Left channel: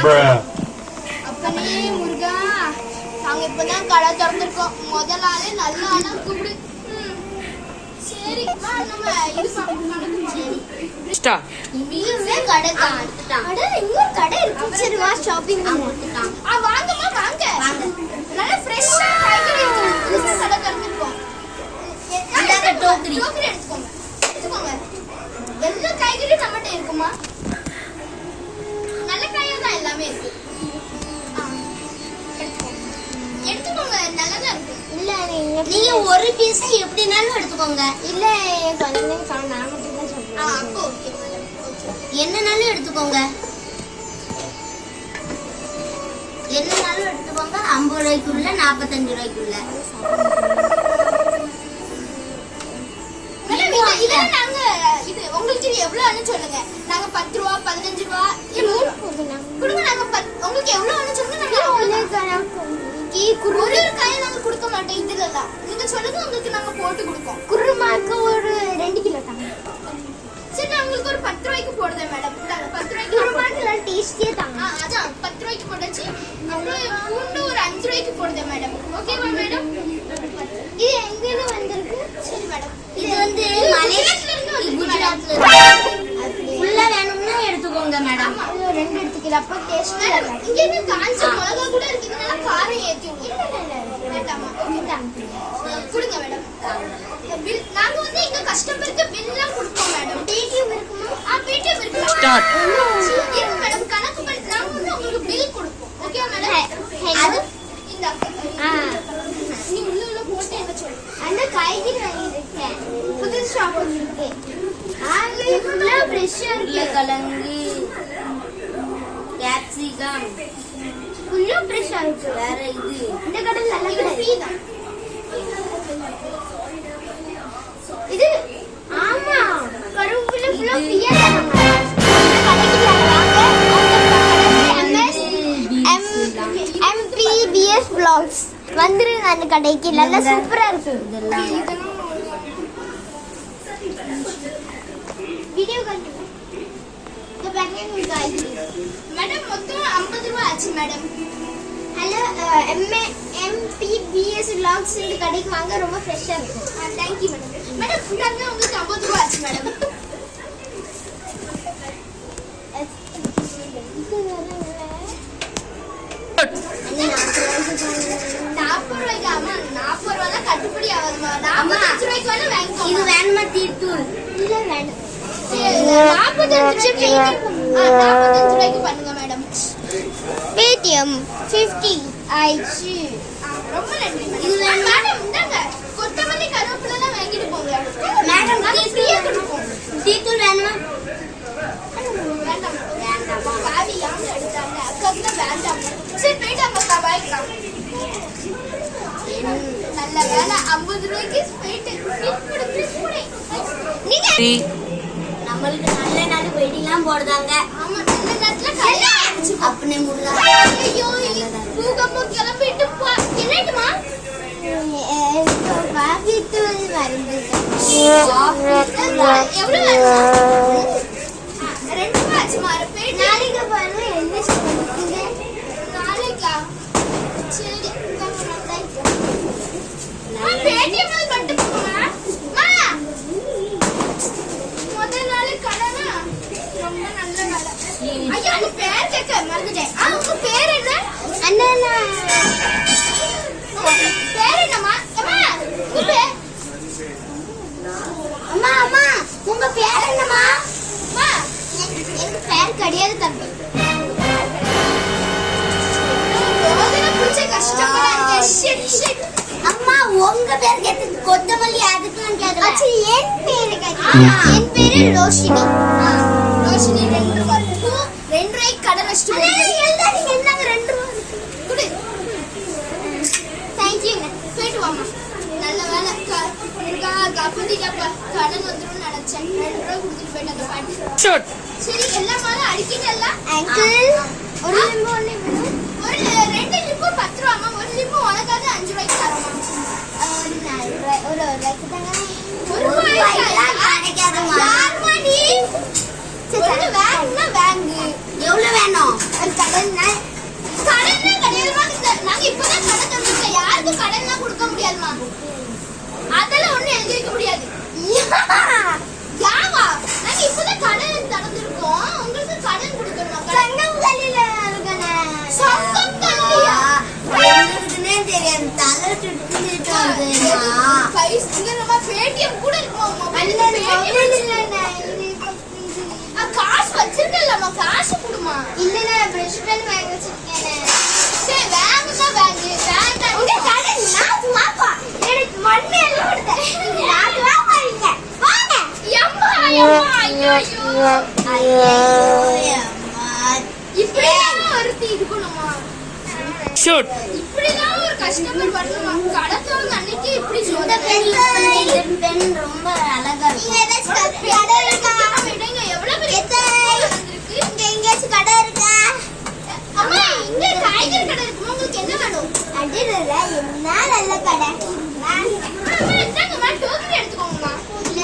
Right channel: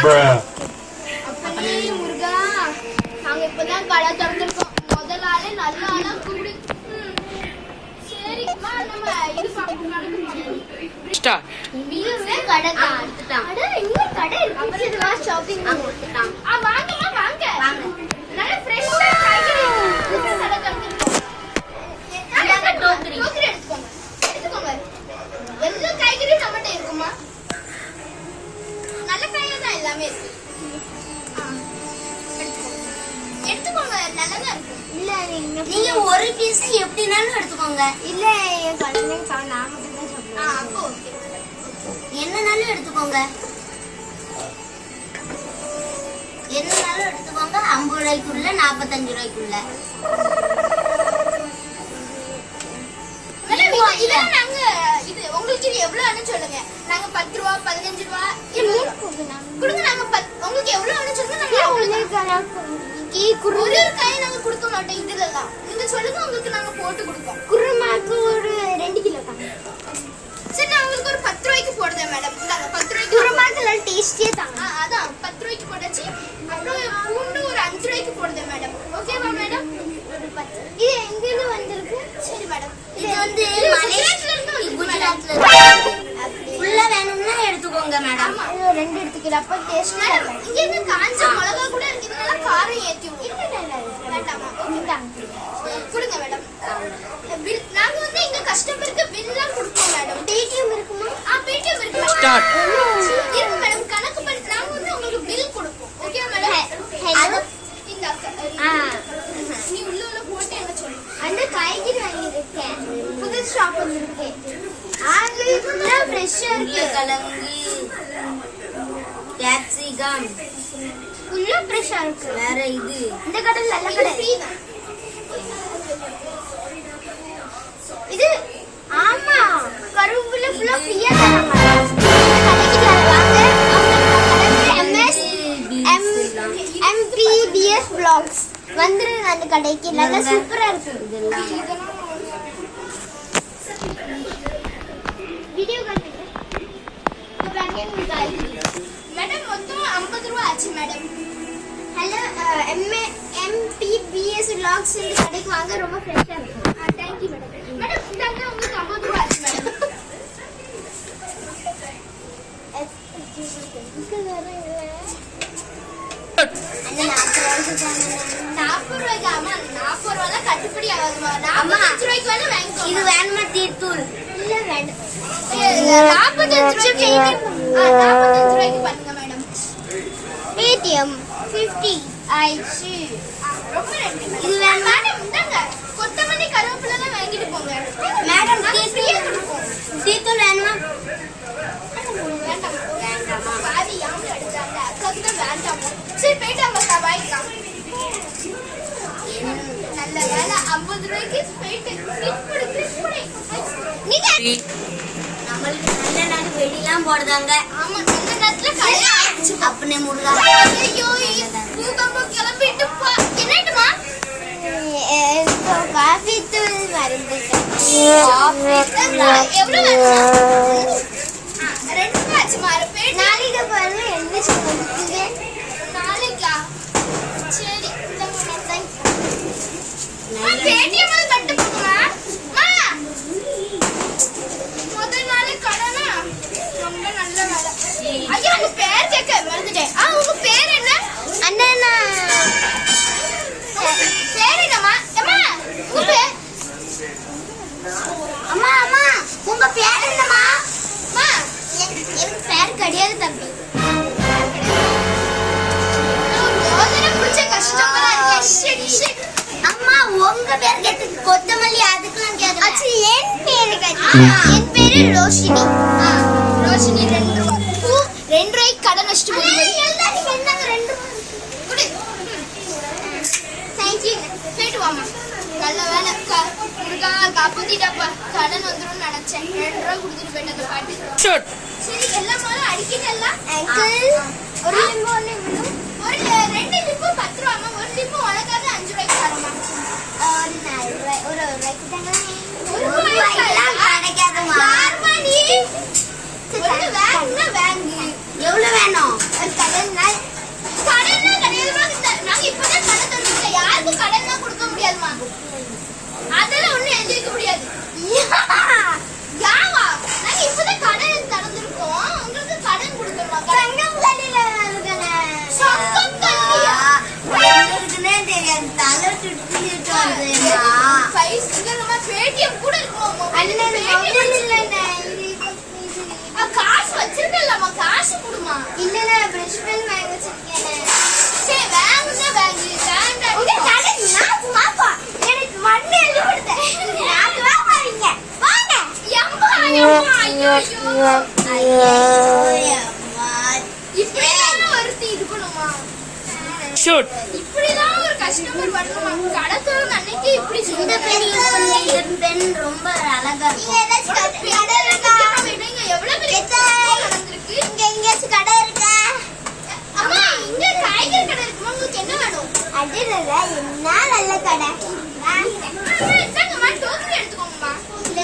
அப்பனே முருகா, நாங்க இப்பதான் கடை திறந்துருக்கோம். முதல் ஆளே நல்ல ஆளா கூப்பிடு. சரி வா, நம்ம இது ஸ்டார்ட். இவமே கடை காட்டுட்டான். அட இங்க கடை இருக்கு. சரி வா, ஷாப்பிங் பண்ணிட்டான். வாங்கம்மா வாங்க. நல்ல ஃப்ரெஷ்ஷா காய்கறி இருக்கு. கடை திறந்துருக்கோம். அங்க டோக்கரி எடுத்துக்கோங்க. எடுத்துக்கோங்க. எல்லா காய்கறி நம்மட்ட இருக்குமா? நல்ல காயா தான் எல்லாமே இருக்கு. எடுத்துக்கோங்க, நல்லதா இருக்கு. இல்ல நீங்க ஒரு பீஸ் எப்படினாலும் எடுத்துக்கோங்க. இல்ல கொஞ்சம் நாம தான் சாப்பிடுவோம். அப்போ ஓகே. என்னனாலும் எடுத்துக்கோங்க. என்னனாலும் எடுத்துக்கோங்க. 50 ரூபாய்க்குள்ள 45 ரூபாய்க்குள்ள. நாங்க இது உங்களுக்கு இது எவ்வளவுன்னு சொல்லுங்க. நாங்க 10 ரூபா 15 ரூபா கொடுங்க. நாங்க உங்களுக்கு எவ்வளவுன்னு சொல்லுங்க. ஒரு காய் நாங்க கொடுக்க மாட்டோம். இதுலதான் நீங்க சொல்லுங்க, உங்களுக்கு நாங்க போட்டு கொடுப்போம். குருமாக்கு ஒரு 2 கிலோ தாங்க. சரி, நான் உங்களுக்கு ஒரு 10 ரூபாய்க்கு போடுறேன் மேடம். 10 ரூபாய்க்கு குருமாக்கு எல்லாம் டேஸ்டியே தாங்க. அதான் 10 ரூபாய்க்கு போட்டாச்சு. அப்புறம் பூண்டு ஒரு 5 ரூபாய்க்கு போடுறேன் மேடம். ஓகேவா மேடம்? இது எங்க இருந்து வந்திருக்கு? சரி மேடம், இது வந்து மலேசியால இருந்து குஜராத்ல இருக்கு. ஃபுல்லா வேணும்னா எடுத்துக்கோங்க மேடம். இது 2 எடுத்துக்கலாம். அப்ப டேஸ்ட் மேடம். இங்க இருந்து காஞ்ச மிளகா கூட இருக்கு. இதெல்லாம் காரம் ஏத்தி விடுங்க. வேண்டாமா? கொடுங்க மேடம். நாங்க வந்து எங்க கஸ்டமருக்கு பில்லாம் கொடுப்போம் மேடம். பேடிஎம் இருக்குமா? பேடிஎம் இருக்கு. ஸ்டார்ட். இருக்கு மேடம். கணக்கு பண்ணி நாங்க வந்து உங்களுக்கு பில் கொடுப்போம். Okay madam? அது இந்த நீ உள்ள போட்டு என்ன சொல்லு. அந்த காய்கறி வாங்கி இருக்கேன். புது ஷாப் வந்திருக்கு. ஆளு ஃபுல்லா ஃப்ரெஷ்ஷா இருக்கு. கலங்கி கேப்சிகம் ஃபுல்லா ஃப்ரெஷ்ஷா இருக்கு. வேற இது இந்த கடை நல்ல கடை. இது ஆமா, கருவேப்பிலை ஃபுல்லா ஃப்ரீயா தராங்க. MPBS vlogs வந்துருங்க அந்த கடைக்கு. நல்ல சூப்பரா இருக்கு. இதெல்லாம் வீடியோ காட்டுங்க. இந்த பேக்கெட் காய்கறி மேடம் மொத்தம் 50 ரூபாய் ஆச்சு மேடம். ஹலோ MPBS vlogs இந்த கடைக்கு வாங்க, ரொம்ப ஃப்ரெஷ்ஷா இருக்கும். Thank you madam. மேடம் இந்தாங்க உங்களுக்கு 50 ரூபாய் ஆச்சு மேடம். இது வேணுமா? தீர்த்தூள் இல்ல வேண்டாம். 45 ரூபாய்க்கு பண்ணுங்க மேடம். பேடிஎம் 50 ஆயிடுச்சு. ரொம்ப நன்றி. இது வேண்டாம் மேடம். இந்தாங்க கொத்தமல்லி கருவேப்பிலை எல்லாம் வாங்கிட்டு போங்க மேடம். தீர்த்தூள் வேணுமா? வேண்டாம் வேண்டாமா? பாதி யாரு எடுத்தாங்க. அக்காக்கு தான் வேண்டாம். சரி போயிட்டாங்க. பாய். நல்ல வேலை 50 ரூபாய்க்கு போயிட்டு நீங்க நம்மளுக்கு நல்ல நாள் வெடிலாம் போடுறாங்க. ஆமா, நல்ல நேரத்துல கல்யாணம் அப்பனே முருகா. ஐயோ பூகம்பம் கிளம்பிட்டு என்னட்டுமா? காபி தூள் மறந்துட்டேன். எவ்வளவு 2 ரூபாய் மாறு. நாளைக்கு பாருங்க என்ன சொல்லுங்க. நாளைக்கா? சரி பேடிஎம் கட்டு போமா. முதல் நாளே கடனா ரொம்ப நல்ல வேலை. ஐயா உங்க பேர் கேட்க மறந்துட்டேன். உங்க பேர் என்ன? அண்ணா பேர் என்னம்மா? உங்க பேர்? அம்மா அம்மா உங்க பேர் என்னம்மா? எனக்கு பேர் கிடையாது தம்பி. அம்மா உங்க பேர் கேட்டு கொத்தமல்லி அதுக்கெல்லாம் கேட்கல. அச்சு என் பேரு கேட்டு. என் பேரு ரோஷினி. ரோஷினி 2 ரூபாய். 2 ரூபாய்க்கு கடை நஷ்டம். எல்லாரும் என்னங்க 2 ரூபாய் குடு. Thank you. போய்ட்டு வாமா. நல்ல வேலை முருகா காப்பாத்திட்டப்பா. கடன் வந்துரும் நினைச்சேன். 2 ரூபாய் கொடுத்துட்டு போயிட்ட பாட்டி. சரி எல்லா மாலும் அடிக்கிட்டல்ல அங்கிள். ஒரு லிம்பு ஒண்ணு வேணும். ஒரு 2 லிம்பு 10 ரூபாய். ஒரு லிம்பு உனக்காக 5 ரூபாய்க்கு தரமா? ஒரு ரூபாய்க்கு தாங்க. ஒரு ரூபாய்க்கு கிடைக்காதுமா. யார்மா நீ? வாங்குனா வாங்கு. எவ்வளவு வேணும்? அது கடன்னா கிடையாதுமா. நாங்க இப்பதான் கடை தந்துருக்கோம். யாருக்கும் கடன்லாம் கொடுக்க முடியாதுமா. அதெல்லாம் ஒண்ணும் எழுதி வைக்க முடியாது. யாவா நாங்க இப்பதான் கடன் திறந்திருக்கோம். உங்களுக்கு கடன் கொடுக்கணுமா? சங்கம் கல்லில சங்கம் கல்லியா இருக்குன்னே தெரியாது. தலை சுட்டு வருதுமா. பைசா பேடிஎம் கூட இருக்கும். காசு வச்சிருக்கலாமா? காசு கொடுமா. இல்ல பிரஷ் பென் வாங்கி வச்சிருக்கேன். சரி வாங்குனா வாங்கு. வேண்டாம் உங்க கடன் நான் வாப்பா. எனக்கு மண்ணு எல்லாம் கொடுத்த. நான் வாங்க வாங்க. அம்மா ஐயோ இப்படிலாம் வருத்தி இது பண்ணுமா? ஷூட். இப்படிலாம் ஒரு கஸ்டமர் வரணுமா? கடை திறந்த அன்னைக்கு இப்படி இந்த பெண் ரொம்ப அழகா இருக்கும். எவ்வளவு பெரிய வந்திருக்கு. இங்க எங்கேயாச்சும் கடை இருக்கா? அம்மா இங்க காய்கறி கடை இருக்குமா? உங்களுக்கு என்ன வேணும்? அடடா என்ன நல்ல கடை. எடுத்துக்கோங்கம்மா. டோக்கரி எடுத்துக்கோங்கம்மா. இல்ல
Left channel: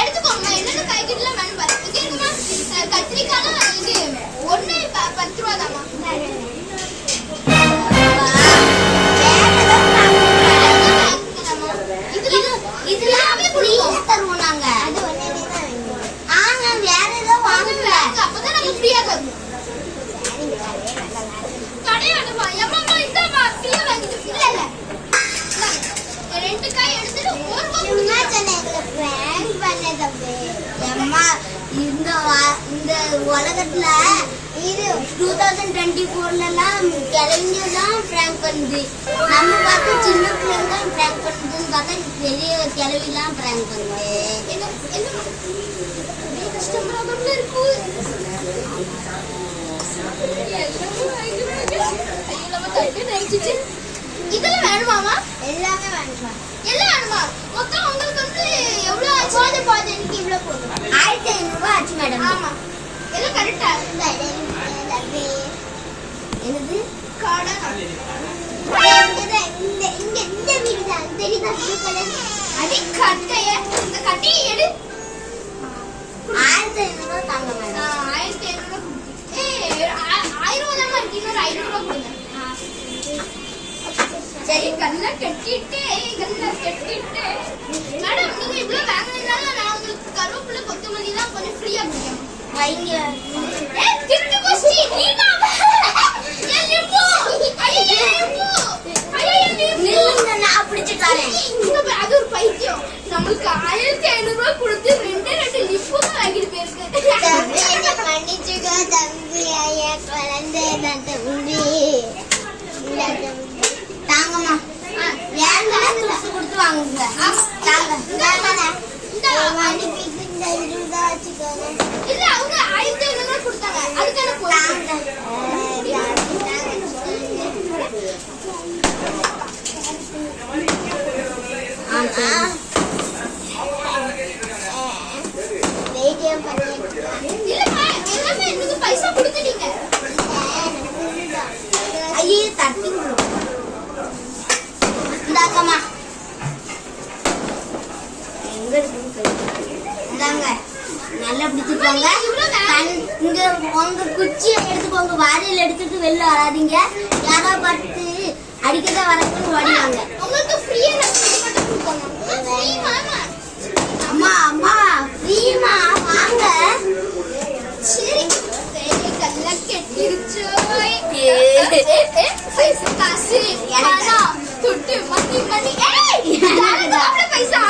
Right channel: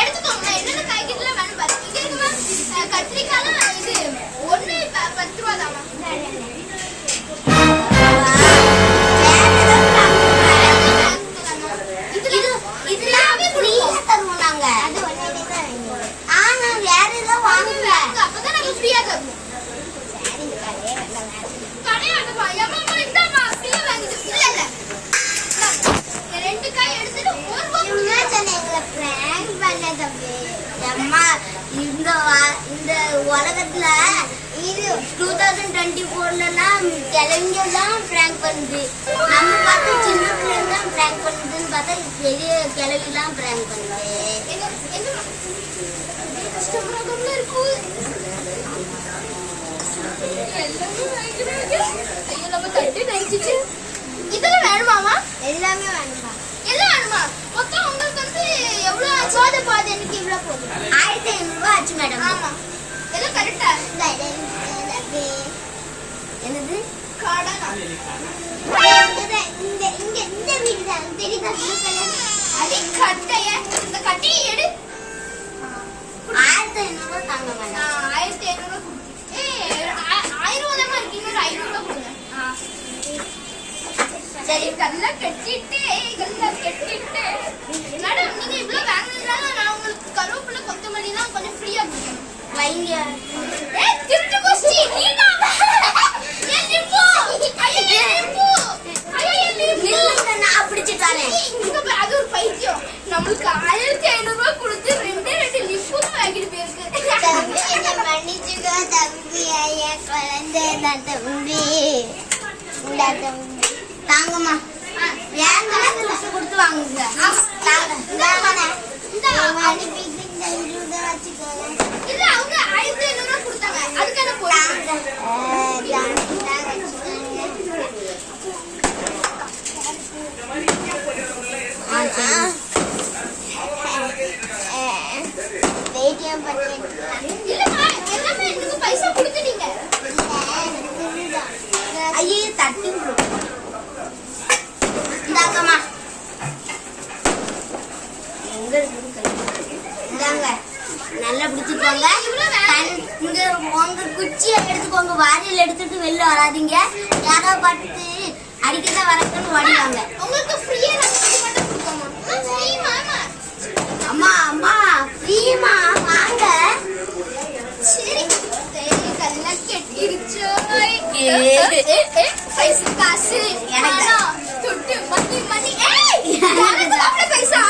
எடுத்துக்கோங்கம்மா. என்னென்ன காய்கறிலாம் வேணும் பாருங்க. இங்க இருக்குமா? கத்திரிக்காய்லாம் இது ஒண்ணு 10 ரூபா தாமா. இதெல்லாமே ஃப்ரீயா தருவோம் நாங்க. ஆனா வேற ஏதோ வாங்குங்க. அப்பதான் நாங்க ஃப்ரீயா தருவோம். கடையாடுமா? எம்மா இந்தாமா ஃப்ரீயா வாங்கிட்டு. இல்ல ரெண்டு காய் எடுத்துட்டு ஒரு ரூபா சும்மா சொன்னேன் பிராங்க் பண்ண தம்பி. அம்மா இந்த உலகத்துல இது 2024லாம் கிழவிங்கெல்லாம் பிராங்க் பண்ணுது. நம்ம பார்த்து சின்ன பிள்ளைங்க தான் பிராங்க் பண்ணுதுன்னு பார்த்தா பெரிய கிழவிலாம் பிராங்க் பண்ணுது. கஷ்டமா இருக்கு. இதெல்லாம் வேணுமாமா? எல்லாமே வேணுமா? எல்லாம் வேணுமா? மொத்தம் உங்களுக்கு வந்து எவ்வளவு ஆச்சு? போதும் எனக்கு இவ்வளவு போதும். 1500 ரூபாய் ஆச்சு மேடம். ஆமா எல்லாம் கரெக்டா? என்னது கடை இந்த வீடு தான் தெரியுதா? அடி கட்டைய இந்த கட்டையை எடு. 1500 ரூபாய் தாங்க மேடம். 1500 1000 தான் இருக்கு. இன்னொரு 500 ரூபாய் கொடுங்க. சரி கல்ல கட்டிட்டு மேடம் நீங்க இவ்வளவு வாங்குறதுனால நான் உங்களுக்கு கருவேப்பிலை கொத்தமல்லிலாம் கொஞ்சம் ஃப்ரீயா கொடுக்கணும். வைங்க. திருட்டு கோஷ்டி நீங்க ஏன் லிம்பு ஐயோ லிம்பு நான் பிடிச்சிட்டானே. அது ஒரு பைத்தியம். நமக்கு 1500 ரூபாய் கொடுத்து ரெண்டு லிம்பு வாங்கிட்டு போயிருக்கு. மன்னிச்சுக்கோ தம்பி. ஐயா குழந்தை தான் தம்பி. தாங்கம்மா. வேண்டாம் கொடுத்து வாங்குங்க. இல்ல அவங்க 1500 ரூபாய் கொடுத்தாங்க. அதுக்கான போறாங்க. இல்லம்மா எல்லாமே எனக்கு பைசா கொடுத்துட்டீங்க. ஐயே தட்டி இந்தாக்கம்மா. எங்க இந்தாங்க நல்லா பிடிச்சிருப்பாங்க. இங்க உங்க குச்சியை எடுத்துக்கோங்க. வாரியில் எடுத்துட்டு வெளில வராதீங்க. யாரோ பார்த்து அடிக்கதான் வரதுன்னு ஓடிவாங்க. உங்களுக்கு ஃப்ரீயா மட்டும் கொடுத்தாங்க. ஃப்ரீ மாமா. அம்மா அம்மா ஃப்ரீமா வாங்க. சரி கல்ல கெட்டிருச்சு. பைசா காசு எனக்கு துட்டு மணி பைசா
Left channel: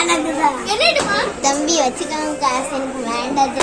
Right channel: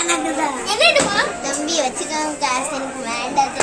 எனக்குதான். என்னடுமா தம்பி வச்சுக்கோங்க காசு எனக்கு வேண்டாம்.